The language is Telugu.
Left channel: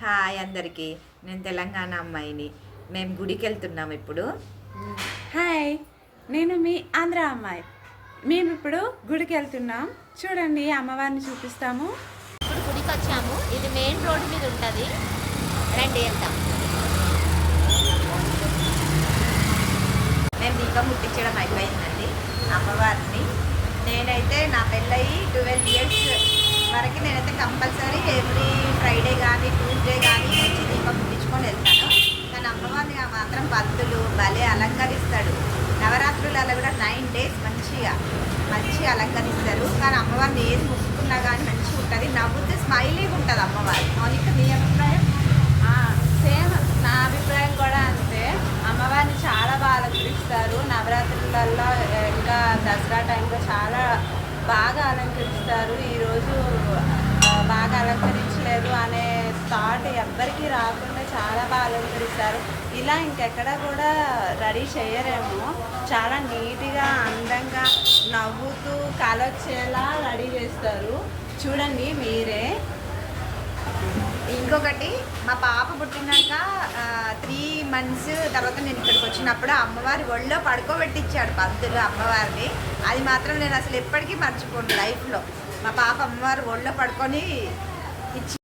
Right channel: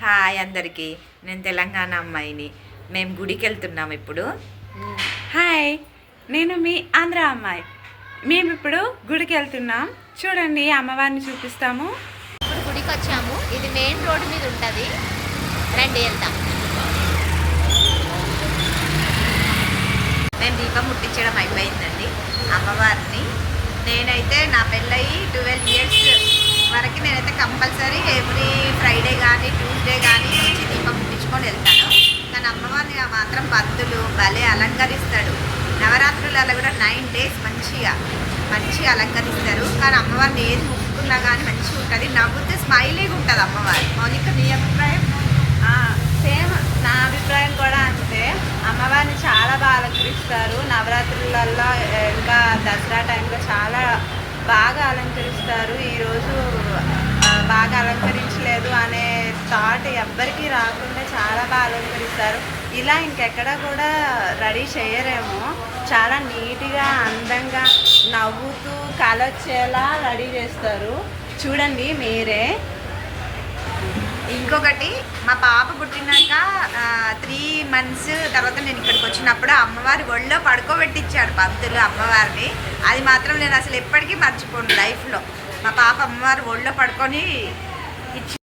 హాయ్ అందరికీ. నేను తెలంగాణ అమ్మాయిని. మేము గుడికి వెళ్తున్నాం ఇప్పుడు. హాయ్, నేను మీ ఆంధ్ర అమ్మాయి. మేము ఇప్పుడు గుడికి వెళ్తున్నాం. చూడండి, అమ్మవారిని చూపిస్తాము. ఇప్పుడు గుడికి వచ్చాము. ఇది మెయిన్ రోడ్డు మీద ఉంటుంది. రండి వెళ్తాం. మేము దీపం ముట్టించడం అయిపోయిందండి అమ్మవారిని. నేనైతే నా పెళ్ళయి 12 ఇయర్స్ వరకు నేనైతే కంపల్సరీ ఎవ్రీ ఫ్రైడే కానీ ట్యూస్డే కానీ మంచి దీపం ముట్టించుకొని వెళ్తాను. కానీ అమ్మవారిని మాత్రం భక్తులు భలే అలంకరిస్తాడు. నవరాత్రులలో కూడా 9 days మంచిగా అలంకరిస్తారు. కానీ అమ్మవారిని ఏది ముక్కున్నా కానీ మంచిగా ఉంటుంది. నవ్వుతే స్మైలీగా ఉంటుంది అమ్మవారి. మౌనిక, నీ అభిప్రాయం? సేమ్ నా అభిప్రాయం కూడా అంతే. అమ్మవారిని చాలా బాగా అలంకరిస్తారు. నవరాత్రులలో ఇంకా దసరా టైంలో చాలా బాగా అలంకరిస్తారు. ఈరోజు బాగా అలంకరించలేదు అనే థాట్ ఎవ్వరికీ రాకుండా చాలా బాగా అలంకరిస్తారు. ఇలా ఇంకెక్కడ కూడా రెడీ చేయరేమో. చాలా నీట్గా అందంగా నవ్వుతూ కలొచ్చేలా రెడీ చేస్తారు. చూడండి మీరే. ఇంకొకటి, మా పాప పుట్టినాక 3 months తర్వాత నేను ఇక్కడికి వచ్చినప్పుడు అమ్మవారి ఒళ్ళో పడుకోబెట్టించాడు పంతులు అమ్మవారిని. అది మాత్రం నేను అసలు ఎప్పటికీ మర్చిపోను లైఫ్లో. మా పాప అమ్మవారి ఒళ్ళో పడుకొని ఇచ్చి